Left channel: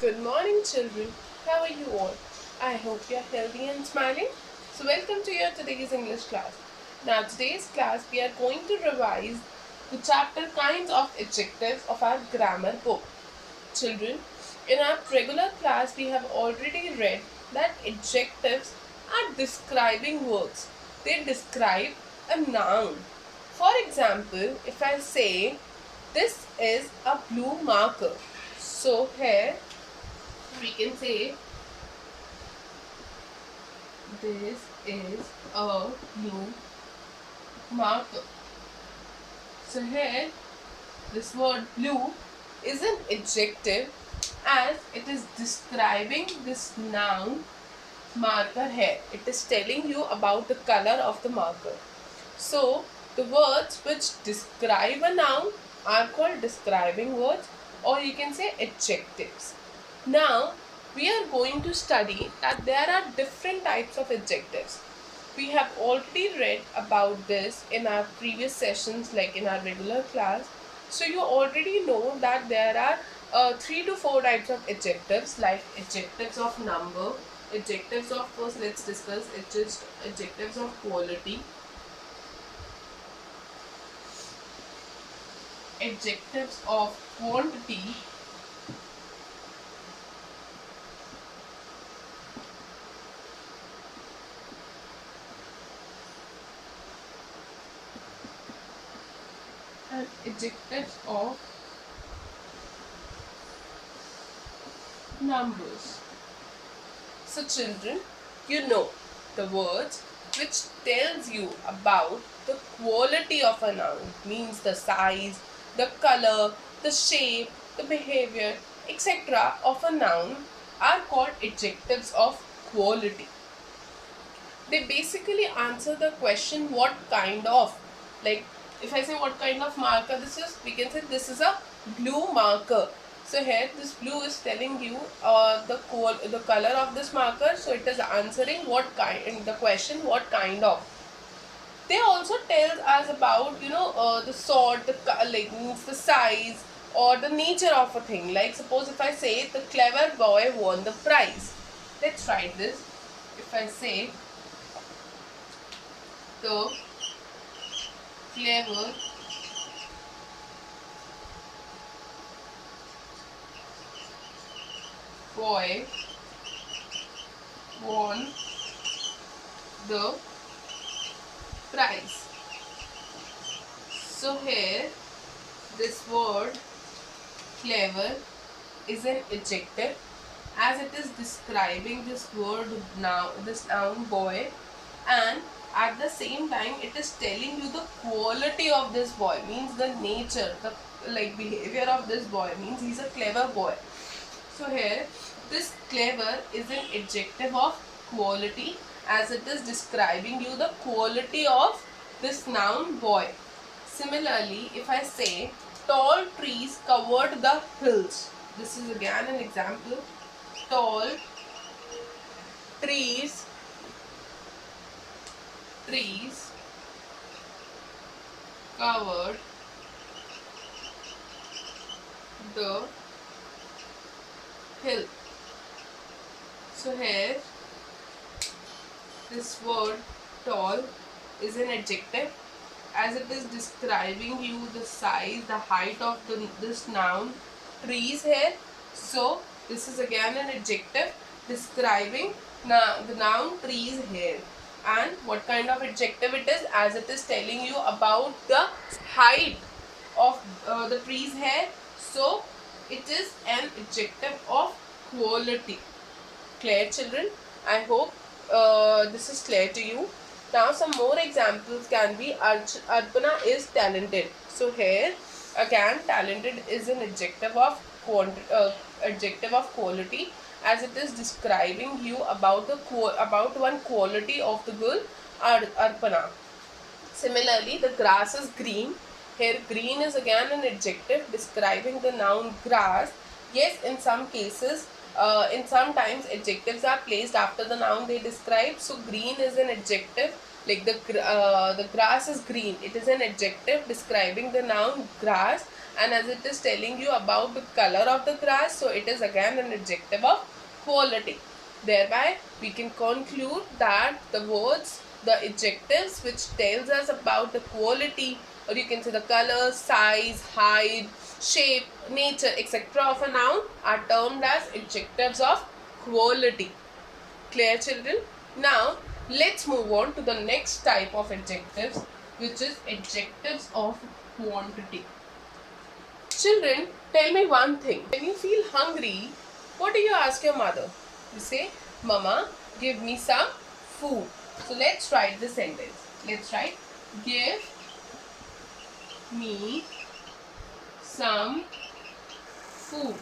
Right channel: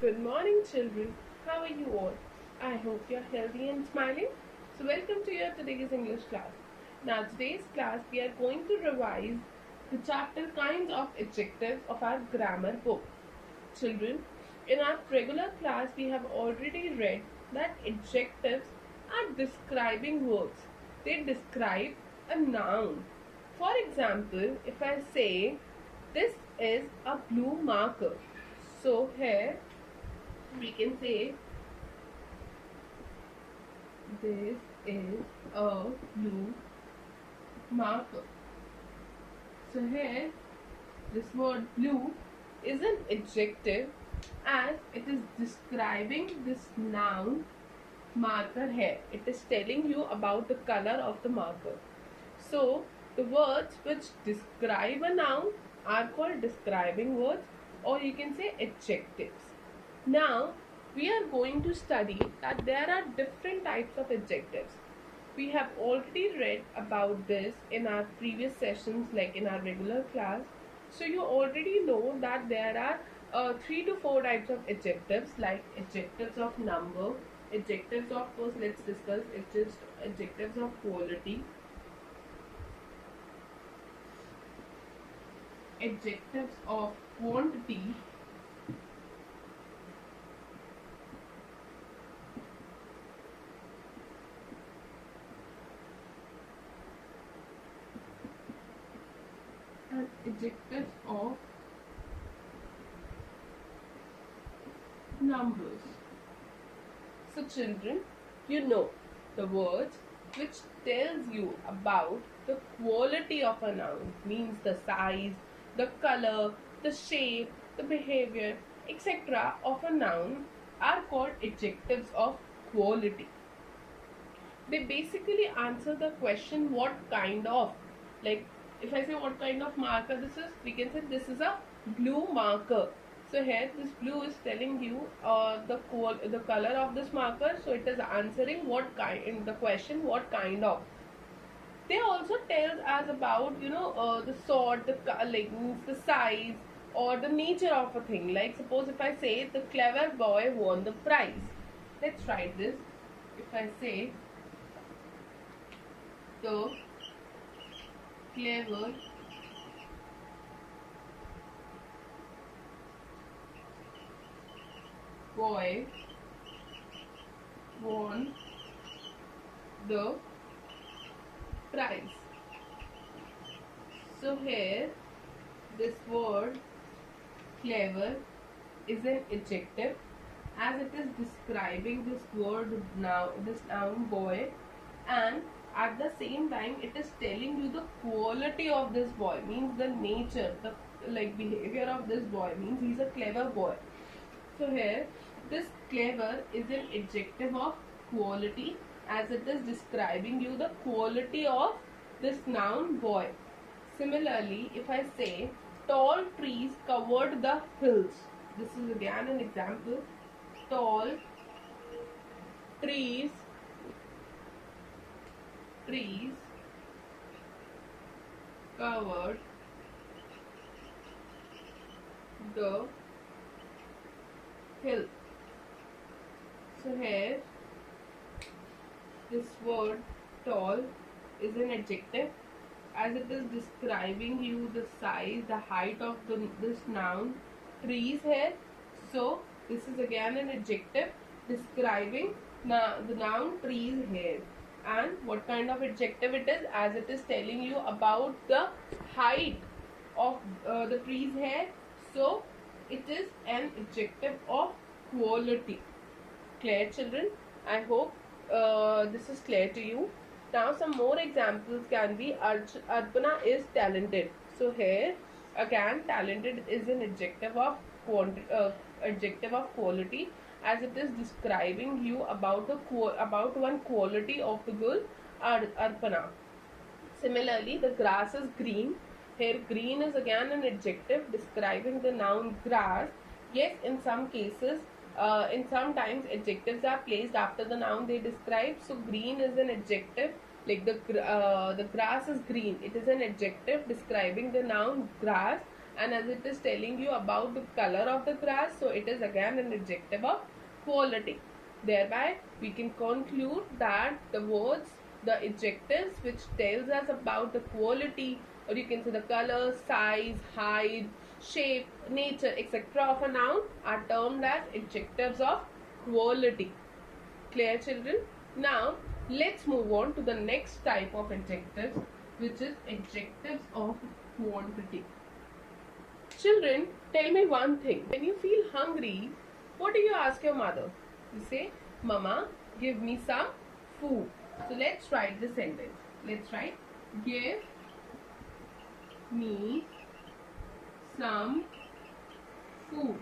Good morning, children. How are you all? I hope you are healthy and smiling. So, welcome to your today's English class. Now, today's class we are going to revise the chapter kinds of adjectives of our grammar book. Children, in our regular class, we have already read that adjectives are describing words. They describe a noun. For example, if I say this is a blue marker, so here we can say this is a blue marker. So here this word blue is an adjective as it is describing this noun marker here. It is telling you about the color of the marker. So the words which describe a noun are called describing words, or you can say adjectives. Now we are going to study that there are different types of adjectives. We have already read about this in our previous sessions, like in our regular class. So you already know that there are 3 to 4 types of adjectives, like adjectives of number, adjectives of, first let's discuss adjectives of quality, adjectives of quantity, and adjectives of numbers. So children, you know the words which tells you about the quality of a noun, means the size, the color, the shape, the behavior, etc. of a noun are called adjectives of quality. They basically answer the question what kind of. Like if I say what kind of marker this is, we can say this is a blue marker. So here this blue is telling you the color of this marker, so it is answering what kind, in the question what kind of. They also tells us about the sort, like means the size or the nature of a thing. Like suppose if I say the clever boy won the prize, let's write this. If I say the clever boy won the prize. So here this word clever is an adjective as it is describing this word now, this noun boy, and at the same time it is telling you the quality of this boy, means the nature, the like behavior of this boy, means he's a clever boy. So here this clever is an adjective of quality as it is describing you the quality of this noun boy. Similarly, if I say tall trees covered the hills, this is again an example. Tall trees trees covered the hill. So here this word tall is an adjective as it is describing you the size, the height of this noun trees here. So this is again an adjective describing the noun trees here. And what kind of adjective it is, as it is telling you about the height of the trees here. So it is an adjective of quality. Clear, children? I hope this is clear to you. Now some more examples can be Arpana is talented. So here again talented is an adjective of quality as it is describing you about about one quality of the girl Arpana. Similarly, the grass is green. Here green is again an adjective describing the noun grass. Yes, in some cases, in sometimes adjectives are placed after the noun they describe. So green is an adjective, like the grass is green. It is an adjective describing the noun grass, and as it is telling you about the color of the grass, so it is again an adjective of quality. Thereby we can conclude that the words, the adjectives which tells us about the quality, or you can say the color, size, height, shape, nature, etc. of a noun are termed as adjectives of quality. Clear, children? Now let's move on to the next type of adjectives, which is adjectives of quantity. Children, tell me one thing. When you feel hungry, what do you ask your mother? You say, Mama, give me some food. So let's write the sentence. Let's write, give me some food.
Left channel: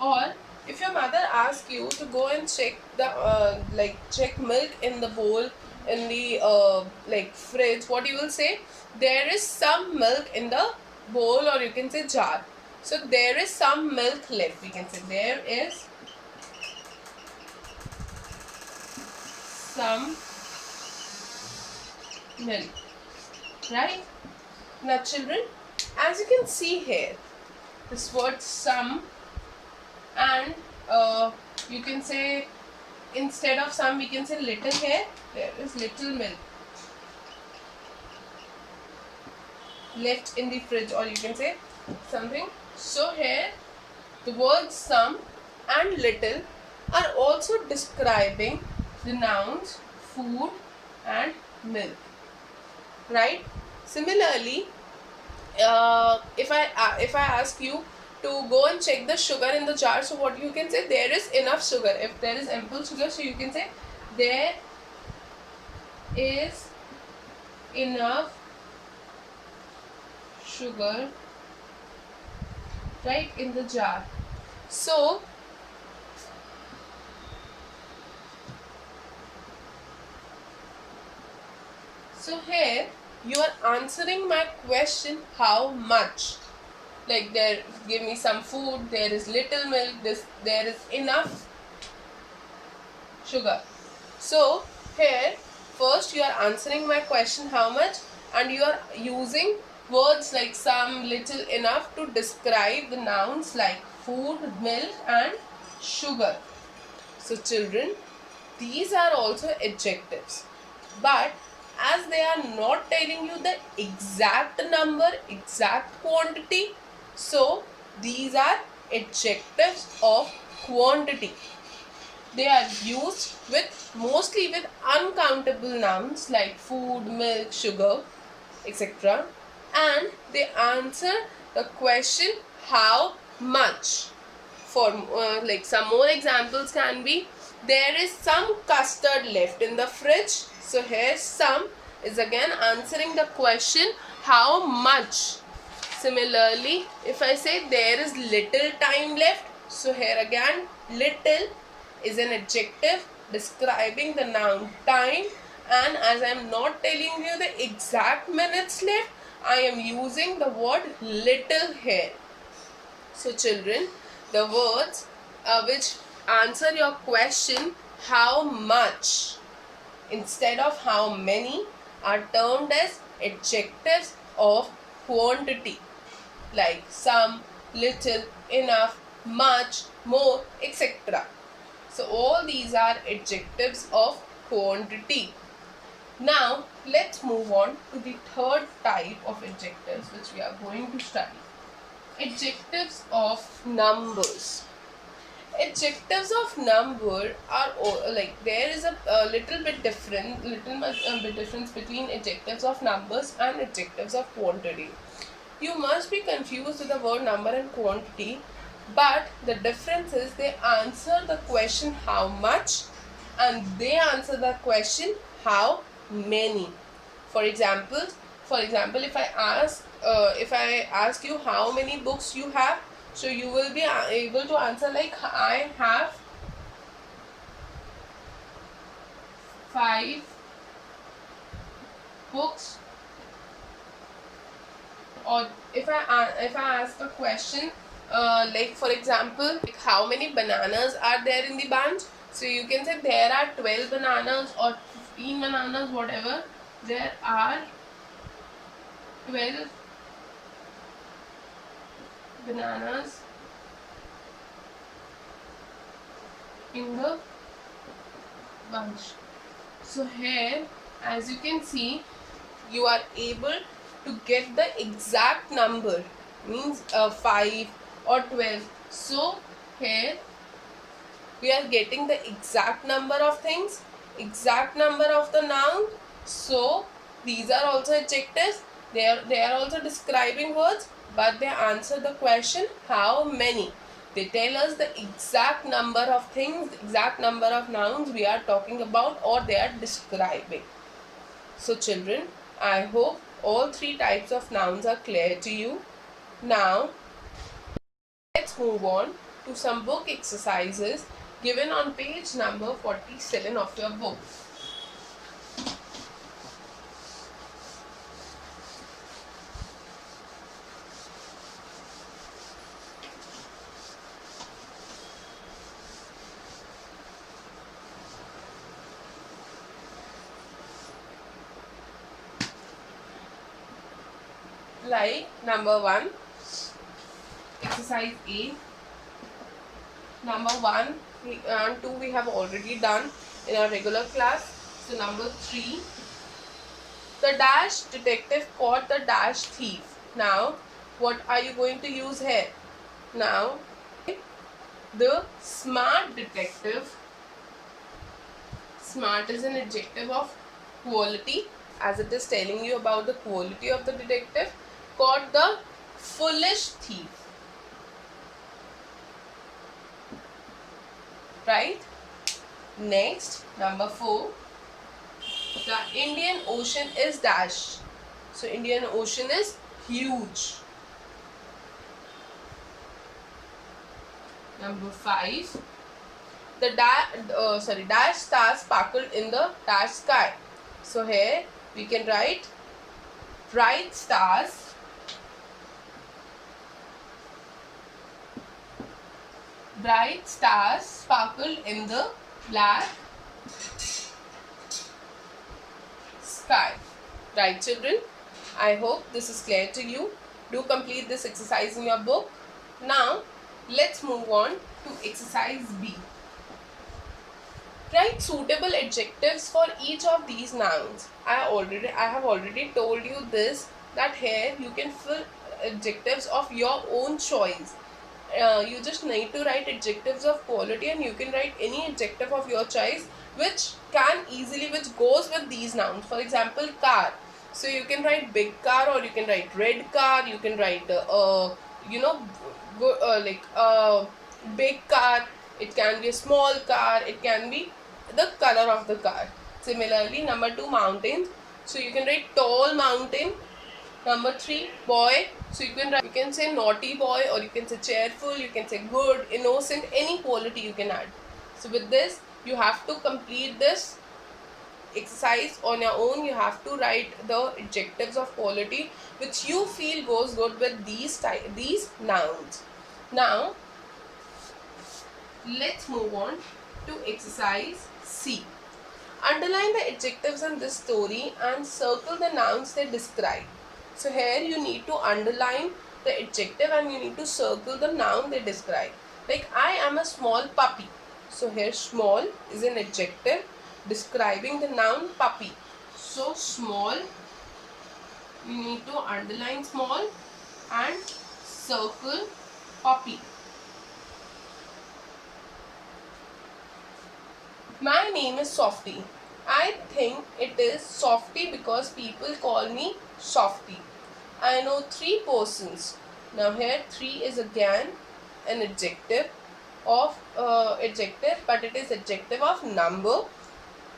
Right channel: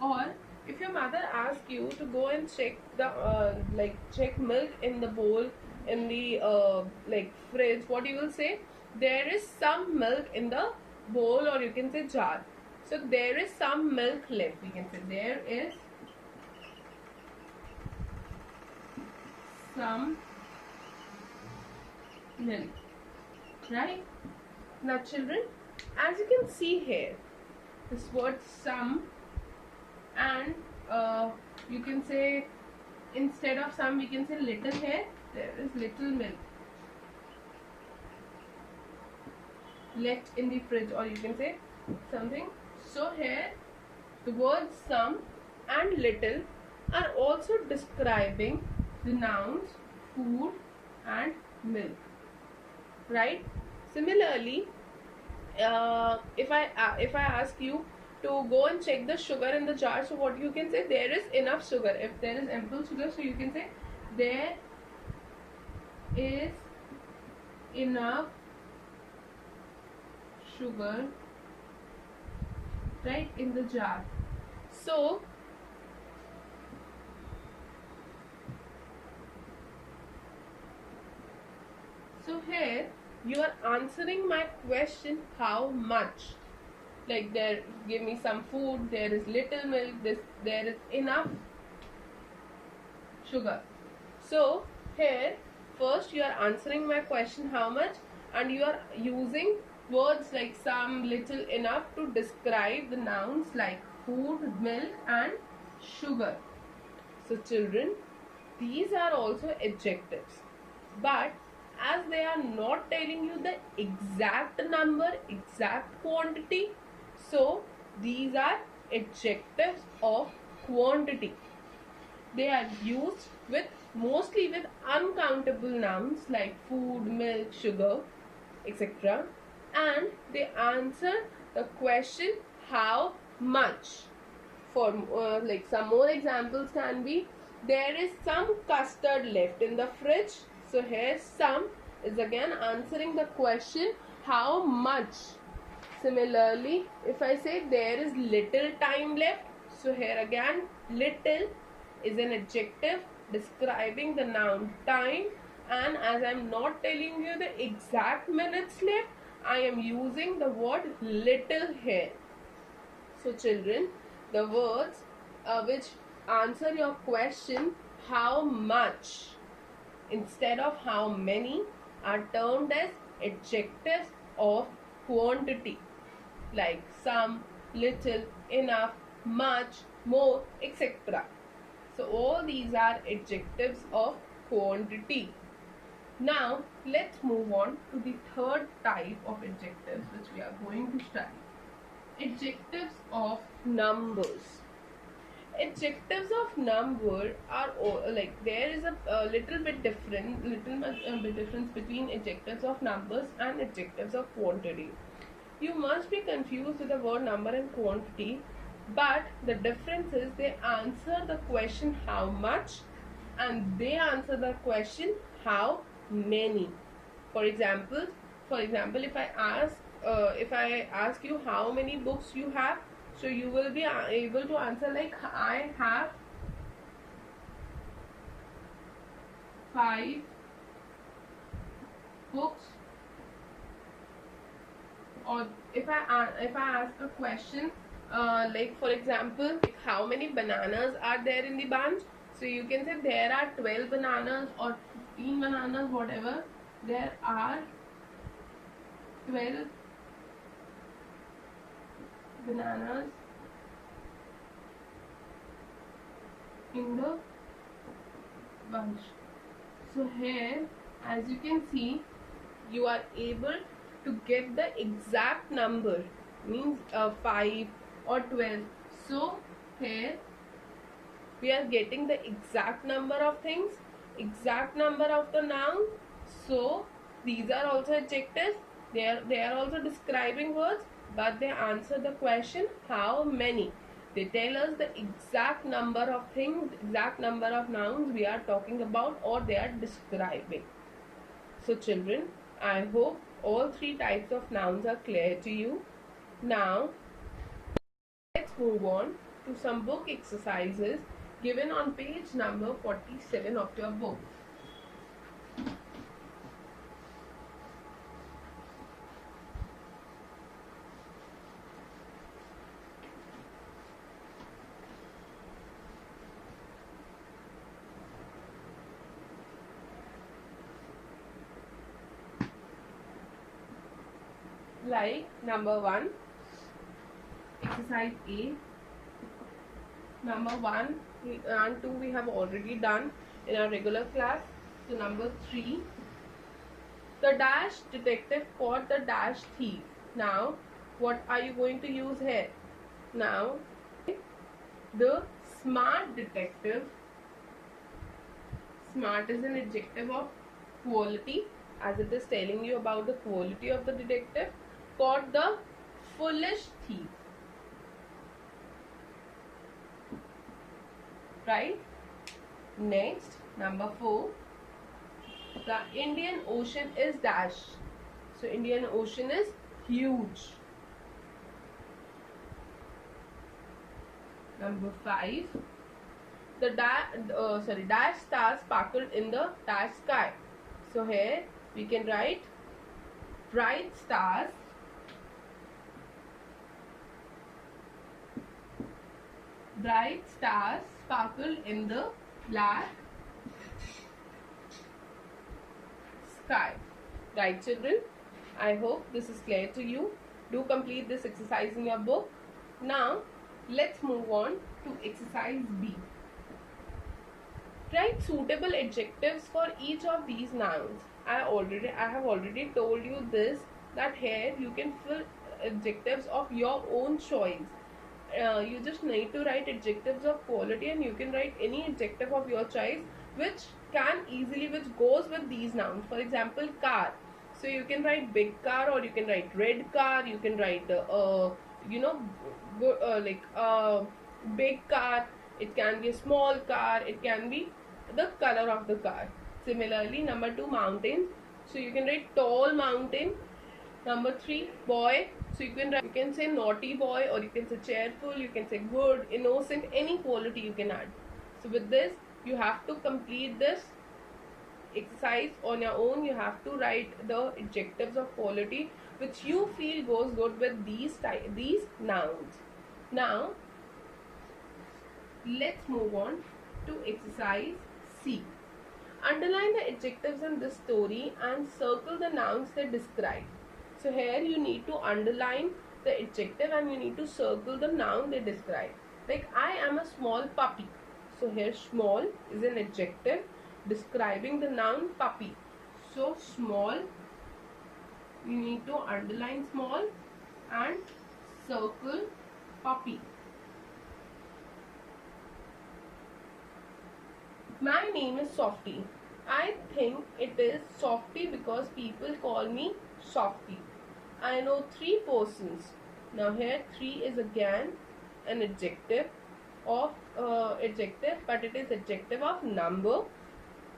Or if your mother asks you to go and check the check milk in the bowl in the fridge, what you will say? There is some milk in the bowl, or you can say jar. So there is some milk left. We can say there is some milk. Right? Now children, as you can see here, this word some, and you can say instead of some we can say little here. There is little milk left in the fridge, or you can say something. So here the words some and little are also describing the nouns food and milk, right? Similarly, if I ask you to go and check the sugar in the jar, so what you can say? There is enough sugar. If there is ample sugar, so you can say there is enough sugar, right, in the jar. So here you are answering my question, how much? Like there, give me some food, there is little milk, there is enough sugar. So here first you are answering my question, how much, and you are using words like some, little, enough to describe the nouns like food, milk and sugar. So children, these are also adjectives, but as they are not telling you the exact number, exact quantity, so these are adjectives of quantity. They are used mostly with uncountable nouns like food, milk, sugar, etc. And they answer the question how much. For some more examples can be, there is some custard left in the fridge. So here some is again answering the question how much. Similarly, if I say there is little time left, so here again little is an adjective describing the noun time, and as I am not telling you the exact minutes left, I am using the word little here. So children, the words which answer your question how much instead of how many are termed as adjectives of quantity, like some, little, enough, much, more, etc. So all these are adjectives of quantity. Now let's move on to the third type of adjectives which we are going to study. Adjectives of numbers. Adjectives of number are there is a little bit difference between adjectives of numbers and adjectives of quantity. You must be confused with the word number and quantity, but the difference is they answer the question how much and they answer the question how many. For example, if I ask you how many books you have, so you will be able to answer like I have 5 books. Or if I ask a question like for example, like how many bananas are there in the bunch, so you can say there are 12 bananas or 15 bananas, whatever. There are 12 bananas in the bunch. So here, as you can see, you are able to get the exact number, means 5 or 12. So here we are getting the exact number of things, exact number of the noun. So these are also adjectives. They are also describing words, but they answer the question how many. They tell us the exact number of things, exact number of nouns we are talking about, or they are describing. So children, I hope all three types of nouns are clear to you. Now let's move on to some book exercises given on page number 47 of your book. Like number 1, exercise A. Number 1 and 2 we have already done in our regular class. So number 3, the dash detective caught the dash thief. Now what are you going to use here? Now the smart detective, smart is an adjective of quality, as it is telling you about the quality of the detective, caught the foolish thief. Right? Next, number 4, the Indian Ocean is dash. So Indian Ocean is huge. Number 5, the dash stars sparkled in the dash sky. So here we can write bright stars sparkled in the black sky. Right children, I hope this is clear to you. Do complete this exercise in your book. Now let's move on to exercise B. Write suitable adjectives for each of these nouns. I have already told you this, that here you can fill adjectives of your own choice. You just need to write adjectives of quality, and you can write any adjective of your choice which goes with these nouns. For example, car. So you can write big car, or you can write red car. You can write big car. It can be a small car. It can be the color of the car. Similarly, number 2, mountain. So you can write tall mountain. Number 3, boy. So you can say naughty boy, or you can say cheerful, you can say good, innocent, any quality you can add. So with this, you have to complete this exercise on your own. You have to write the adjectives of quality which you feel goes good with these nouns. Now let's move on to exercise C. Underline the adjectives in this story and circle the nouns they describe. So here you need to underline the adjective and you need to circle the noun they describe. Like, I am a small puppy. So here small is an adjective describing the noun puppy. So small, you need to underline small and circle puppy. My name is Softy. I think it is Softy because people call me Softy. I know 3 persons. Now here 3 is again an adjective of but it is adjective of number.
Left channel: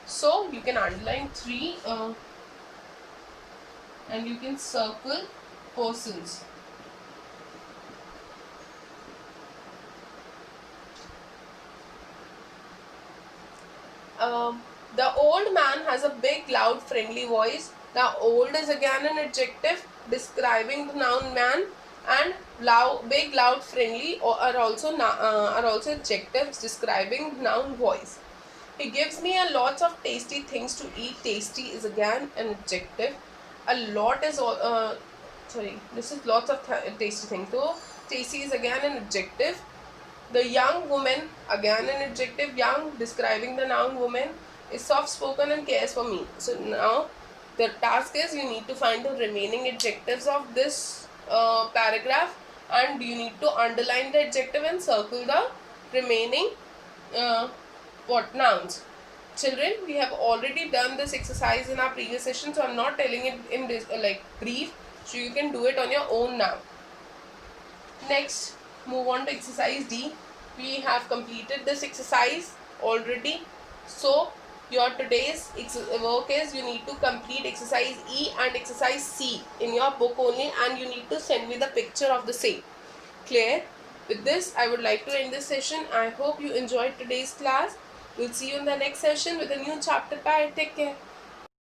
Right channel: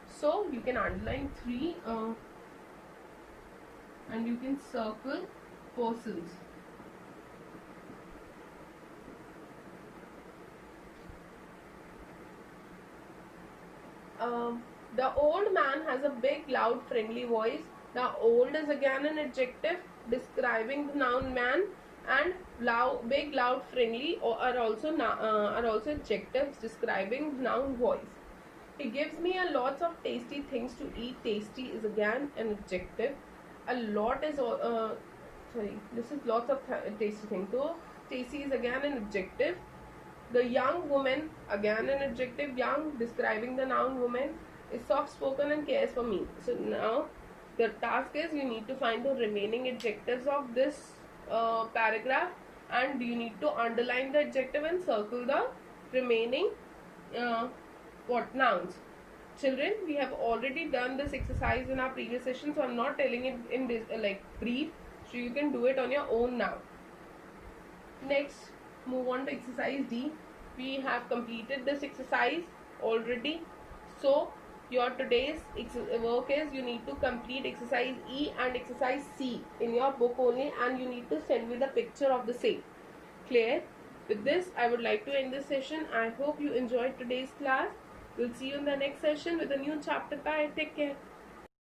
So you can underline 3 and you can circle persons. The old man has a big, loud, friendly voice. Now, old is again an adjective describing the noun man, and loud, big, loud, friendly are also adjectives describing noun voice. He gives me a lot of tasty things to eat. Tasty is again an adjective. A lot is this is lots of tasty things. So Stacy is again an adjective. The young woman, again an adjective. Young, describing the noun woman, is soft spoken and cares for me. So now the task is you need to find the remaining adjectives of this paragraph, and you need to underline the adjective and circle the remaining uh, nouns. Children, we have already done this exercise in our previous session, so I'm not telling it in this brief, so you can do it on your own now. Next, move on to exercise D. We have completed this exercise already. So your today's work is you need to complete exercise E and exercise C in your book only, and you need to send me the picture of the same. Clear? With this, I would like to end this session. I hope you enjoyed today's class. We'll see you in the next session with a new chapter. Bye. Take care.